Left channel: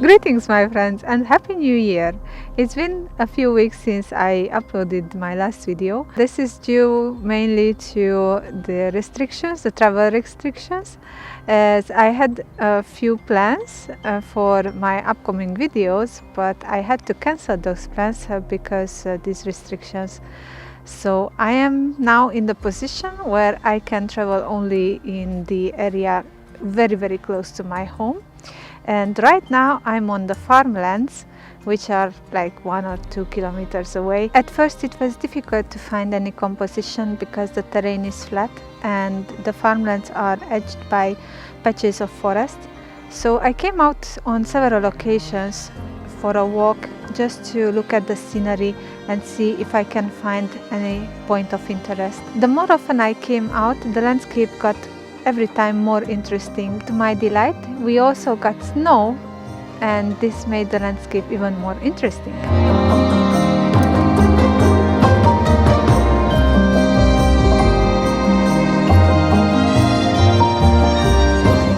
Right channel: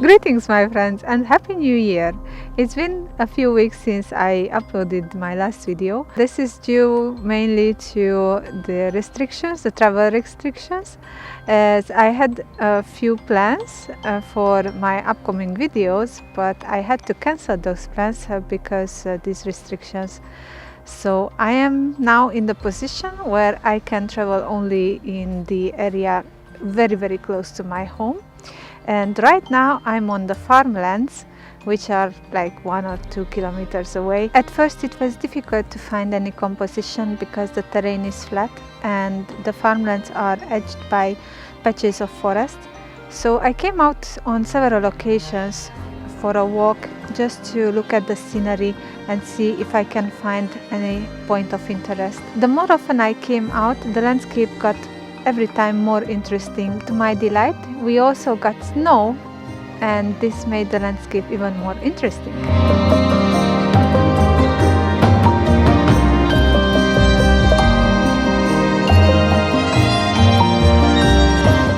Greetings my friends and Happy New Year! It's been a few weeks since I uploaded my last video. This is due mainly to the restrictions, the travel restrictions, as I had a few plans for my upcoming videos, but I had to cancel those plans because these restrictions. So I am now in the position where I can travel only in the area very close to my home. And right now I'm on the farmlands, which are like 1 or 2 kilometers away. At first it was difficult to find any composition because the terrain is flat and the farmlands are edged by patches of forest. So I came out on several occasions for a walk just to look at the scenery and see if I can find any point of interest. The more often I came out, the landscape got every time more interesting. To my delight, we also got snow, and this made the landscape even more interesting.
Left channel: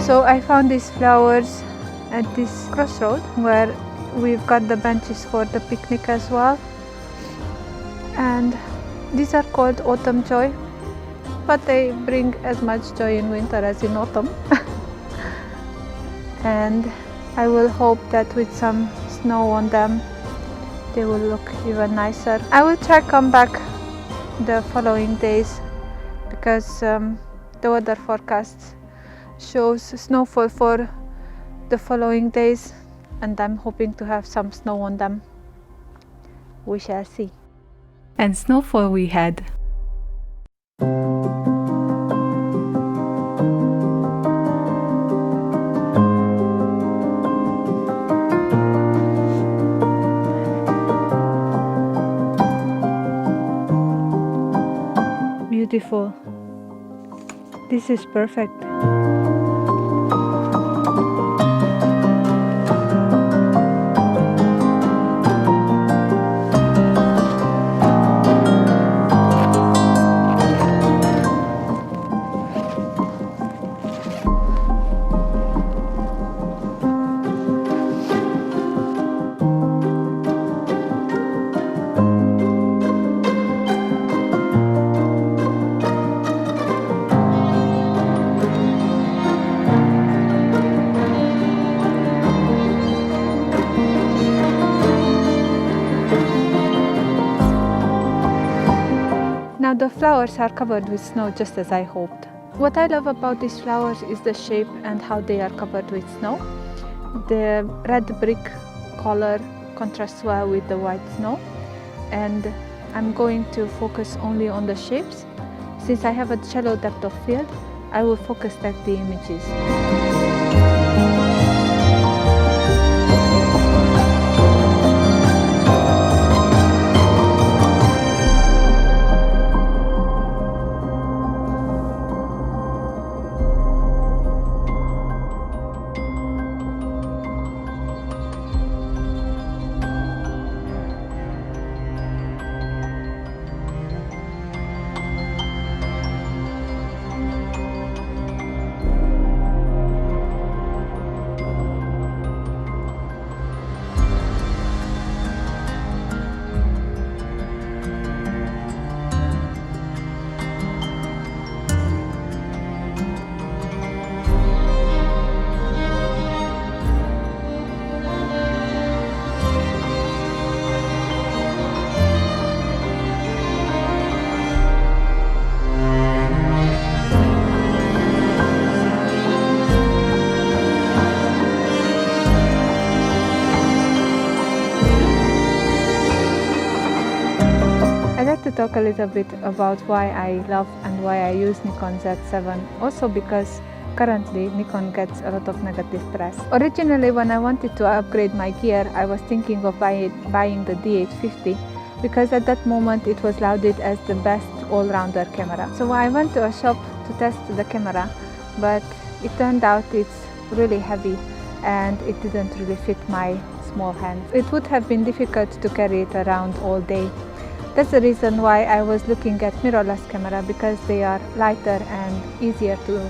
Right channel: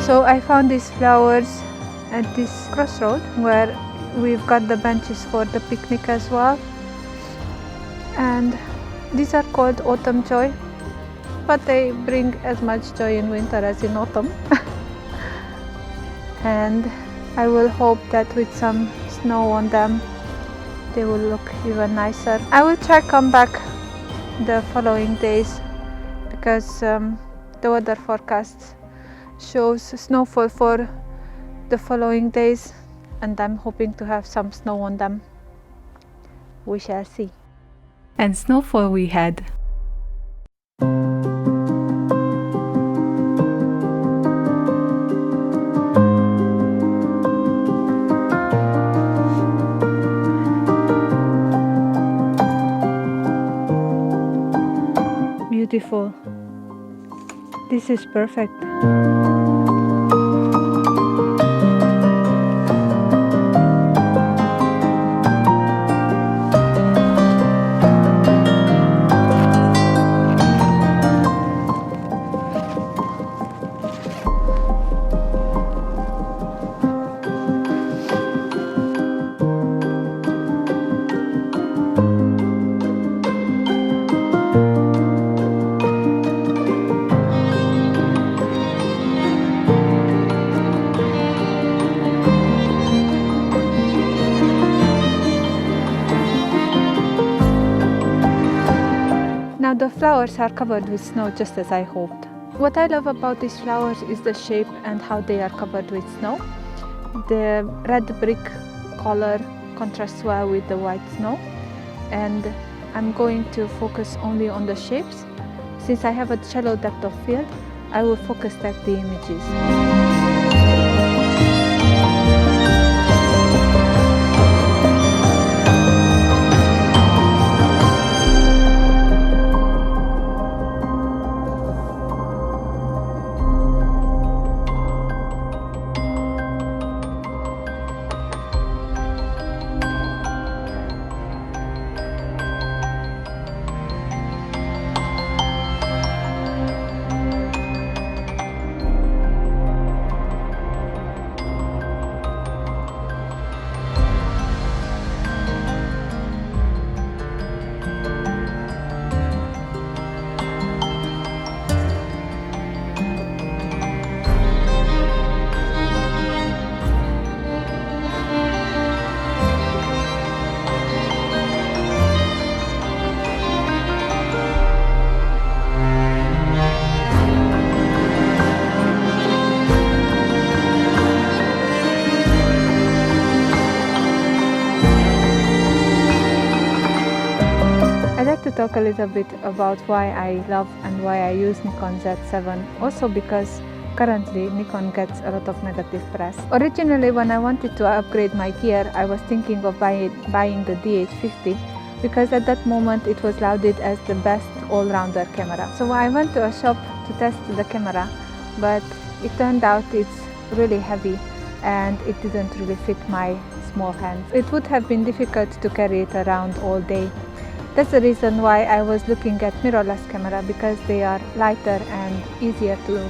So I found these flowers at this crossroad where we've got the benches for the picnic as well, and these are called autumn joy, but they bring as much joy in winter as in autumn. And I will hope that with some snow on them they will look even nicer. I will try come back the following days because the weather forecast shows snowfall for the following days, and I'm hoping to have some snow on them. We shall see. And snowfall we had. Beautiful. This is perfect. Now the flowers are covered with snow just as I hoped. What I love about these flowers is the shape and how they are covered with snow. The red brick color contrasts well with the white snow, and I'm going to focus only on the shapes. Since I have a shallow depth of field, I will focus stack the images. I'd like to talk a little bit about why I love and why I use Nikon Z7, also because currently Nikon gets a lot of negative press. Originally, when I wanted to upgrade my gear, I was thinking of buying the D850 because at that moment it was lauded as the best all-rounder camera. So I went to a shop to test the camera, but it turned out it's really heavy and it didn't really fit my small hands. It would have been difficult to carry it around all day. That's the reason why I was looking at mirrorless camera, because they are lighter and easier to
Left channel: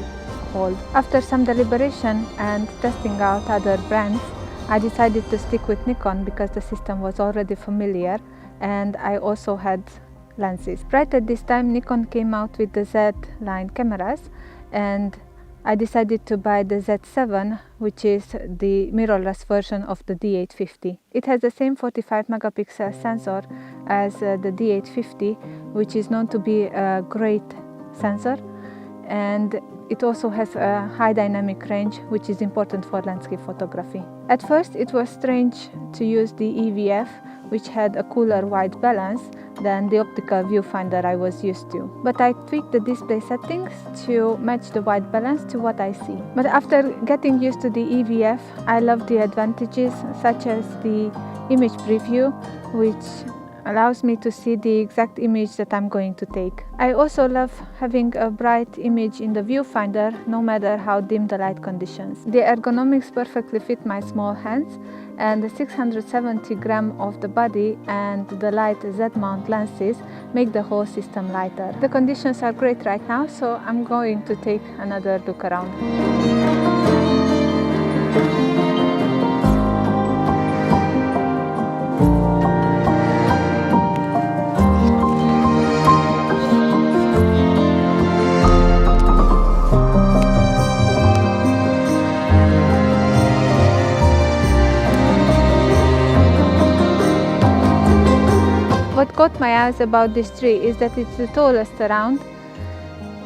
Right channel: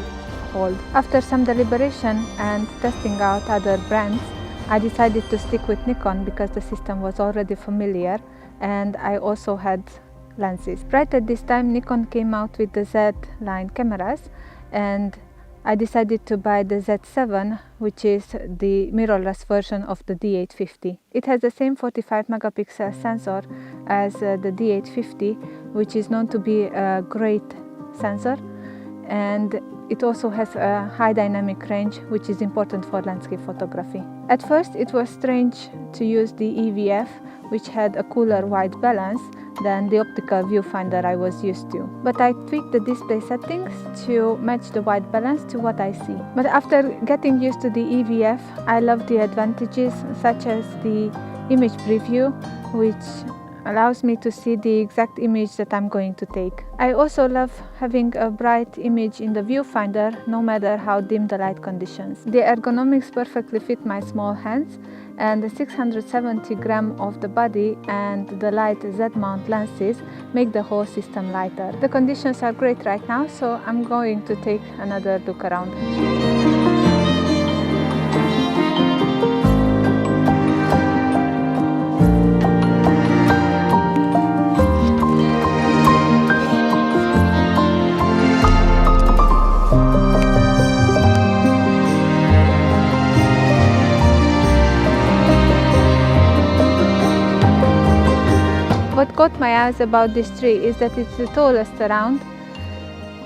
hold. After some deliberation and testing out other brands, I decided to stick with Nikon because the system was already familiar and I also had lenses. Right at this time, Nikon came out with the Z line cameras, and I decided to buy the Z7, which is the mirrorless version of the D850. It has the same 45 megapixel sensor as the D850, which is known to be a great sensor, and it also has a high dynamic range, which is important for landscape photography. At first it was strange to use the EVF, which had a cooler white balance than the optical viewfinder I was used to. But I tweaked the display settings to match the white balance to what I see. But after getting used to the EVF, I love the advantages such as the image preview, which allows me to see the exact image that I'm going to take. I also love having a bright image in the viewfinder no matter how dim the light conditions. The ergonomics perfectly fit my small hands, and the 670 gram of the body and the light Z-mount lenses make the whole system lighter. The conditions are great right now, so I'm going to take another look around. What caught my eyes about this tree is that it's the tallest around.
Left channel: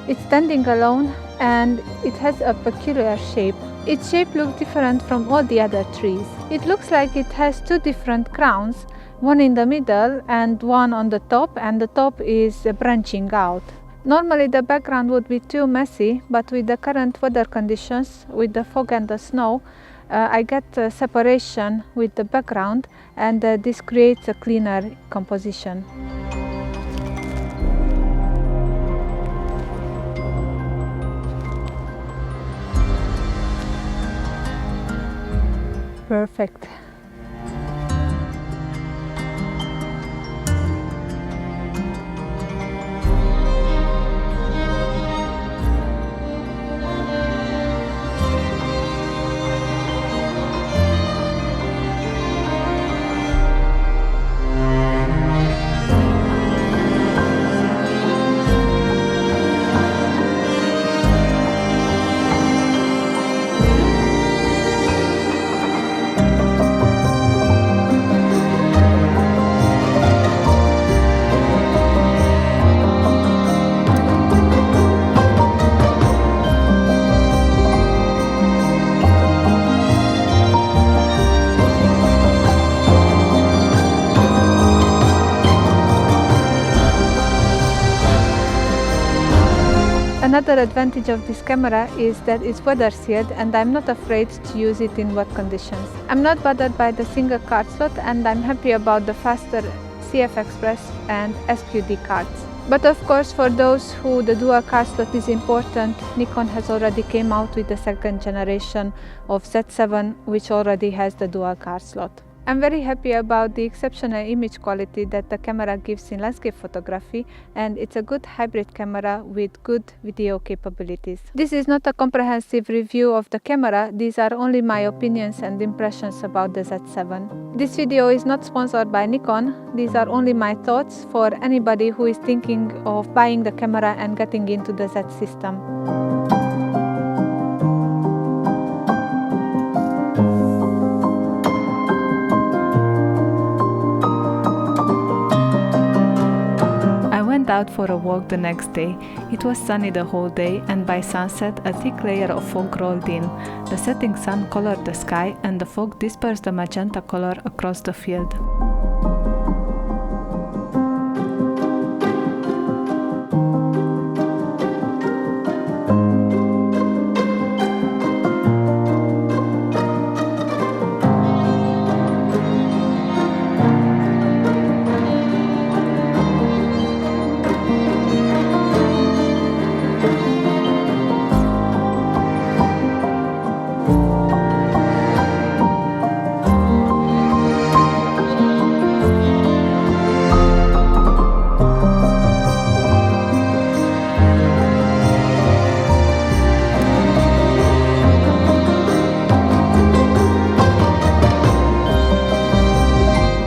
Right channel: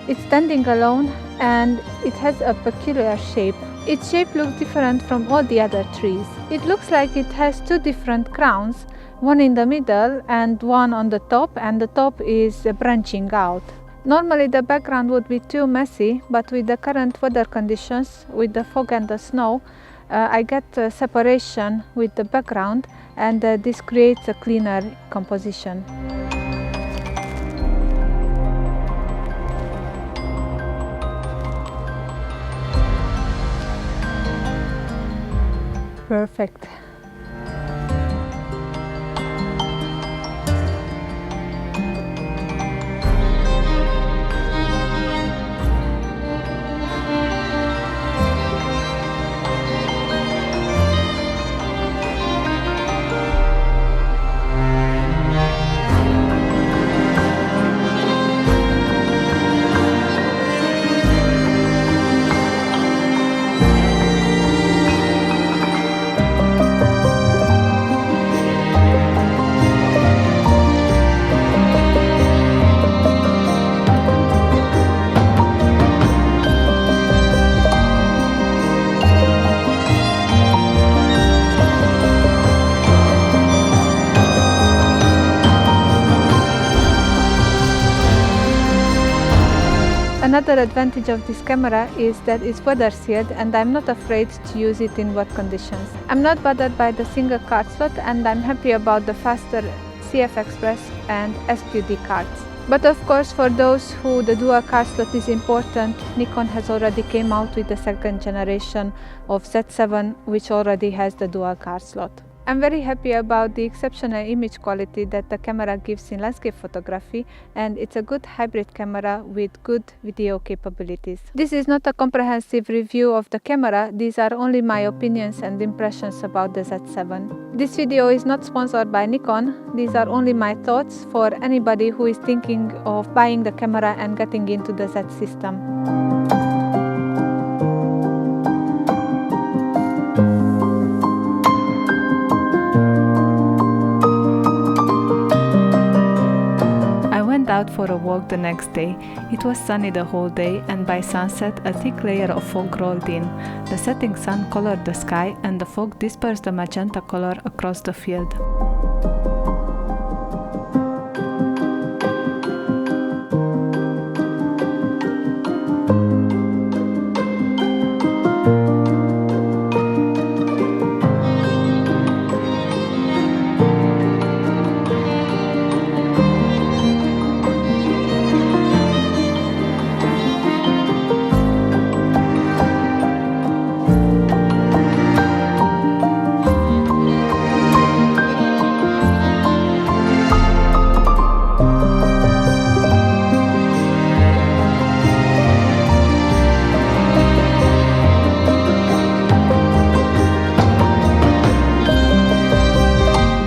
It's standing alone and it has a peculiar shape. Its shape looks different from all the other trees. It looks like it has two different crowns, one in the middle and one on the top, and the top is branching out. Normally the background would be too messy, but with the current weather conditions, with the fog and the snow, I get separation with the background, and this creates a cleaner composition. Perfect. Another advantage of this camera is that it's weather sealed, and I'm not afraid to use it in wet conditions. I'm not bothered by the single card slot, and I'm happy about the faster CF Express and SQD cards. But of course, for those who the dual card slot is important, Nikon has already came out with the second generation of Z7, which already has the dual card slot. I'm very happy about the exceptional image quality that the camera gives in landscape photography, and it's a good hybrid camera with good video capabilities. This is not a comprehensive review of the camera, these are only my opinions and impressions about the Z7. This video is not sponsored by Nikon, these are only my thoughts for anybody who is thinking of buying the camera and getting into the Z system. I went out for a walk the next day. It was sunny the whole day, and by sunset a thick layer of fog rolled in. The setting sun colored the sky, and the fog dispersed the magenta color across the field.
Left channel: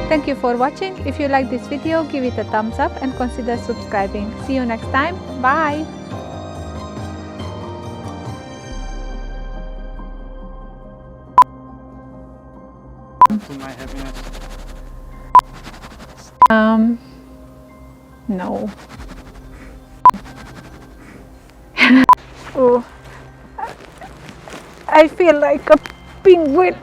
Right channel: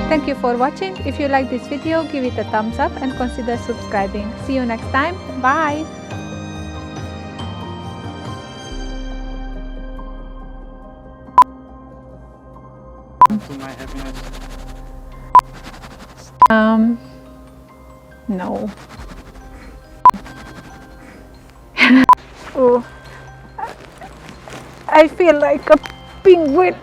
Thank you for watching. If you like this video, give it a thumbs up and consider subscribing. See you next time. Bye! To my happiness. No. Oh, I feel like a penguin.